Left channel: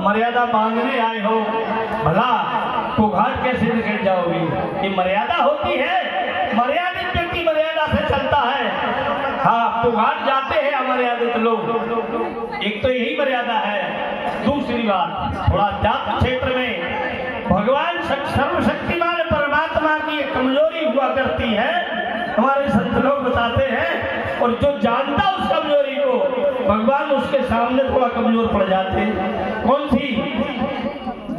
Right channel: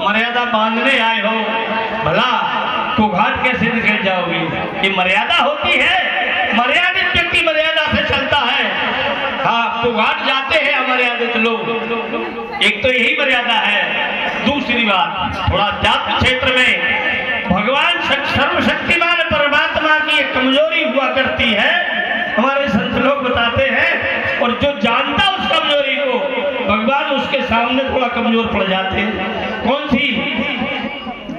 मर्यादा बांधने आए हो, भला तो घाट कैसे निकल जाओगी? ये मर्यादा होती है, मर्यादित व्यक्ति मर्यादा से चलता है। हाँ, तो घाट जाते हैं अमर्यादित लोग, एक तो यही मर्यादा है। दूसरी बात, थोड़ा जात क्षेत्र में भगवान सर्वशक्तिमान परमात्मा की एक कमजोरी हुआ करती है, हमारे संत लोग बताते हैं, और जो जानता उस कमजोरी को, भगवान उसके सामने थोड़ा कमजोर पड़ जाते हैं। कौन सी?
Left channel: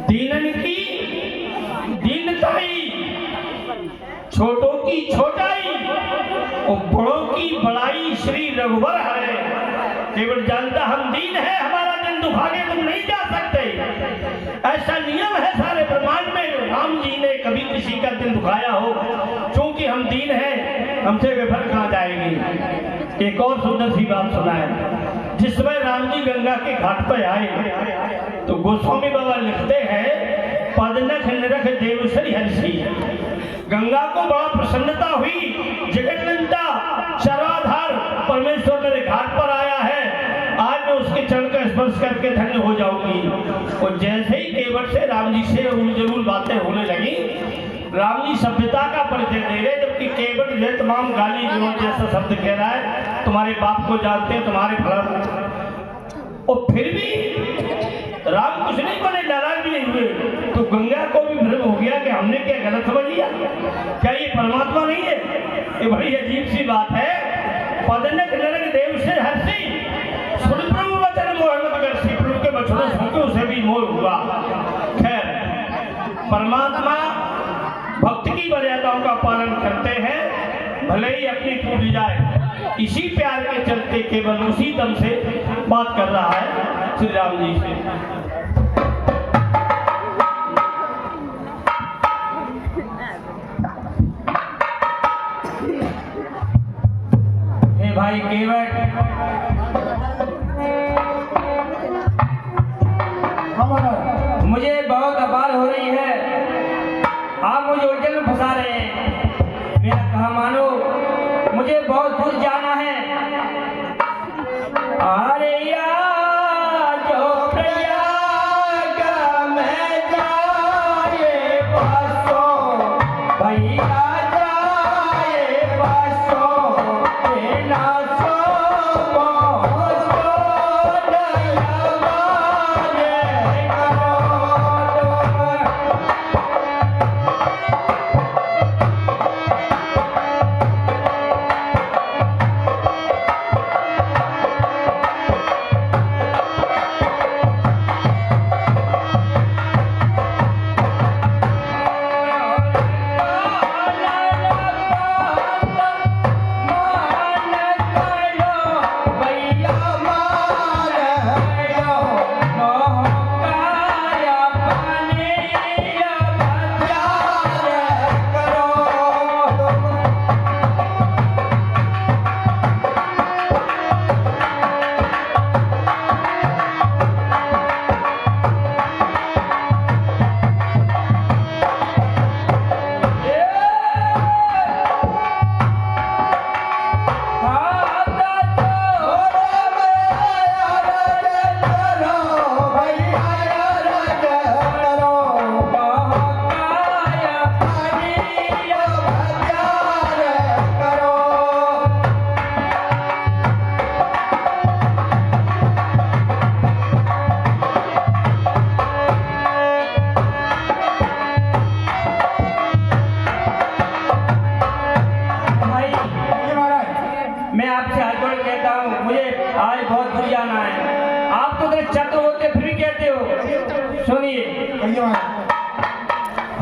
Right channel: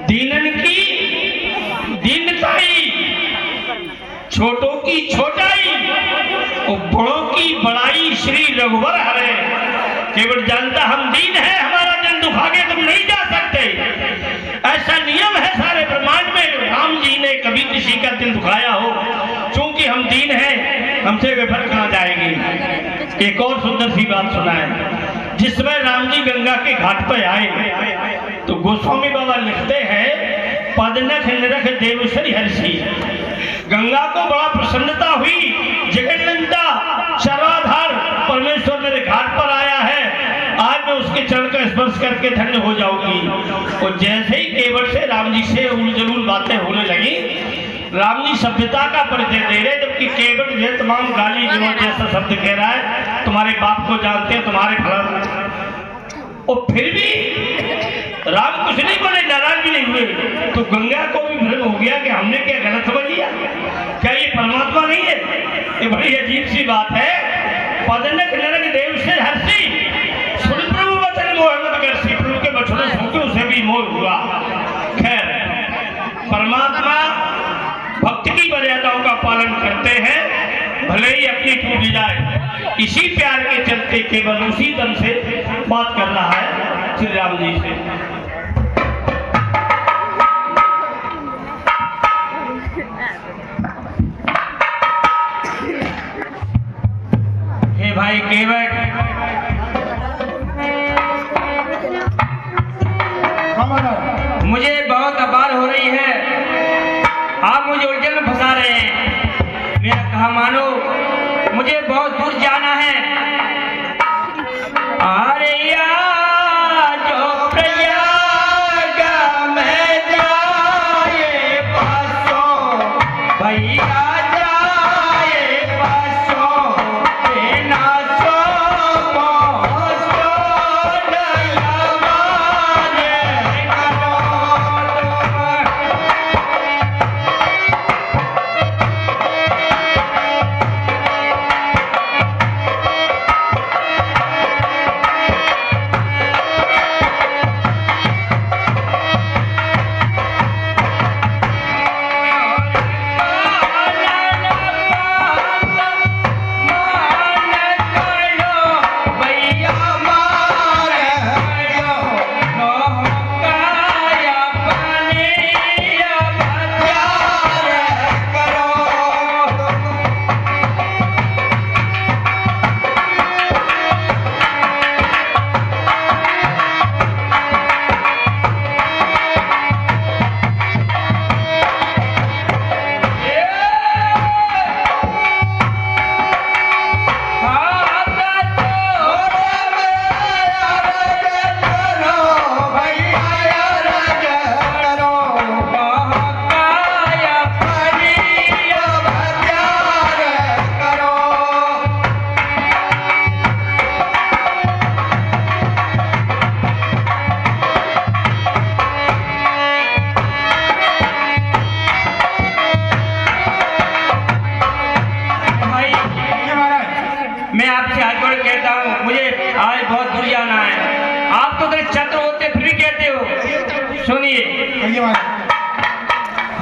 दीनन की दीनताई, छोटों की छोटाई और बड़ों की बड़ाई श्री रघुवर हरे। केवल जानता हम दीन है, हमारा दिल दुखागे तुम नहीं जा सकते, ऐसा नियम है सारे ब्रह्मांड में। राम जी ने कभी किसी का दिल दुखाया हो, क्योंकि हम दीन हैं, हमसे विफल कहाँ जाएंगे। एक और सुंदर सी बात सुनाए। जिस समय राम जी गंगा के घाट पर आए तो गोस्वामी बाबा लिखते हैं, पदनख निरख देवश्री हर्षि। गंगा को बड़ा प्रसन्नता हुई, जगन्नता सर्वाधार परमेश्वर मेरे घाट पर आया है, आज मैं उसके चरण का स्पर्श करके धन्य हो जाऊंगी। और जैसे ही केवट से राम जी से उलझुल बातें होने लगी, राम जी सभ्यता का परिचय दे रहे, जबकि केवट जो तमाम गाली गलौज जैसा शब्द कह रहा है, तुम्हारे बाप को जानते हैं, तुम्हारे फल, और फिर भी राम कुछ नहीं बोले, नाराज भी नहीं हुए। तो गंगा को भी भ्रम हो गया कि हमने क्या गलत समझ लिया, क्या ये परमात्मा नहीं है? ये बड़ी अजीब सी बात है। पदनक नरक देव से हर्षि, सुन प्रभु वचन मोहम्मद कर, प्रभु के वचनों सुन के उसे भी मोह हुआ। खैर, परमात्मा भक्त की मर्यादाओं का पालन करते हैं, भले ही अपनी टूट जाए। इसी प्यार के चलते केवल उसी दम से बात कर रहा है श्री राम जी से। हे भाई केवट, मुझे बहुत अपार हो रही है, आप मुझे उलझन में फंसा रहे हैं। मेरा कहा मानो, मुझे बहुत दूर जाना है। अरे यार जो प्रयाग में जाए पासो, भैया जाए पासो, नाचो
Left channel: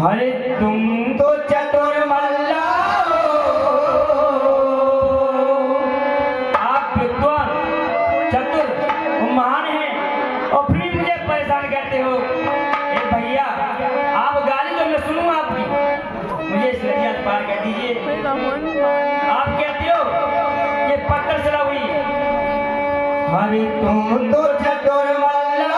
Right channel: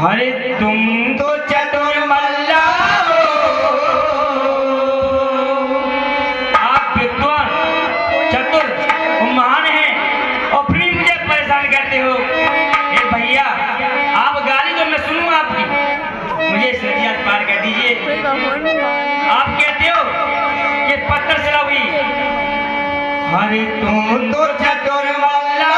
अरे तुम तो चतुर मल्ला हो, आप विद्वान चतुर महान हैं, और फिर मुझे परेशान करते हो। ए भैया, आप गाली जो मैं सुनूं आपकी, मुझे नदियाँ पार कर दीजिए। आप कहते हो कि पत्थर से हुई। अरे तुम तो चतुर मल्ला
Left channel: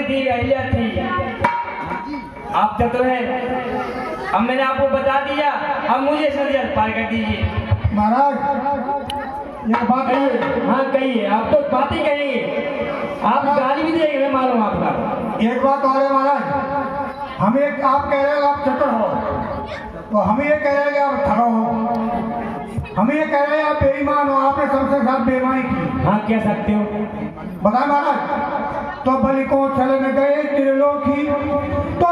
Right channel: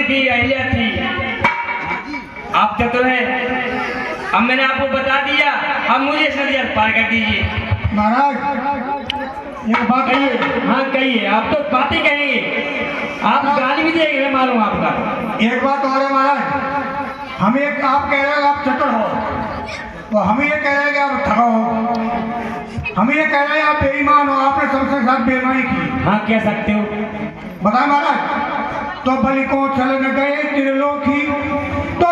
द्रौपदी थी, अहिल्या थी। आप तो है, अब मैंने आपको बता दिया, अब मुझे इस नदी पार कर दीजिए। महाराज एक बात कहिए। हाँ कहिए, आप तो बातें कहेंगे, आप गाली भी देंगे, मालूम आपका। एक बात और है महाराज, हम एक आप कह रहे हैं आप चतुर हो, तो हम ये कह रहे हैं कि आप ठगा हो, हम ये कह रहे हैं आप बेईमान हो, आपने सबसे साथ बेईमानी की। हाँ कह सकते हो। बताए महाराज, तो बलि को चलन गए त्रिलोकी, तो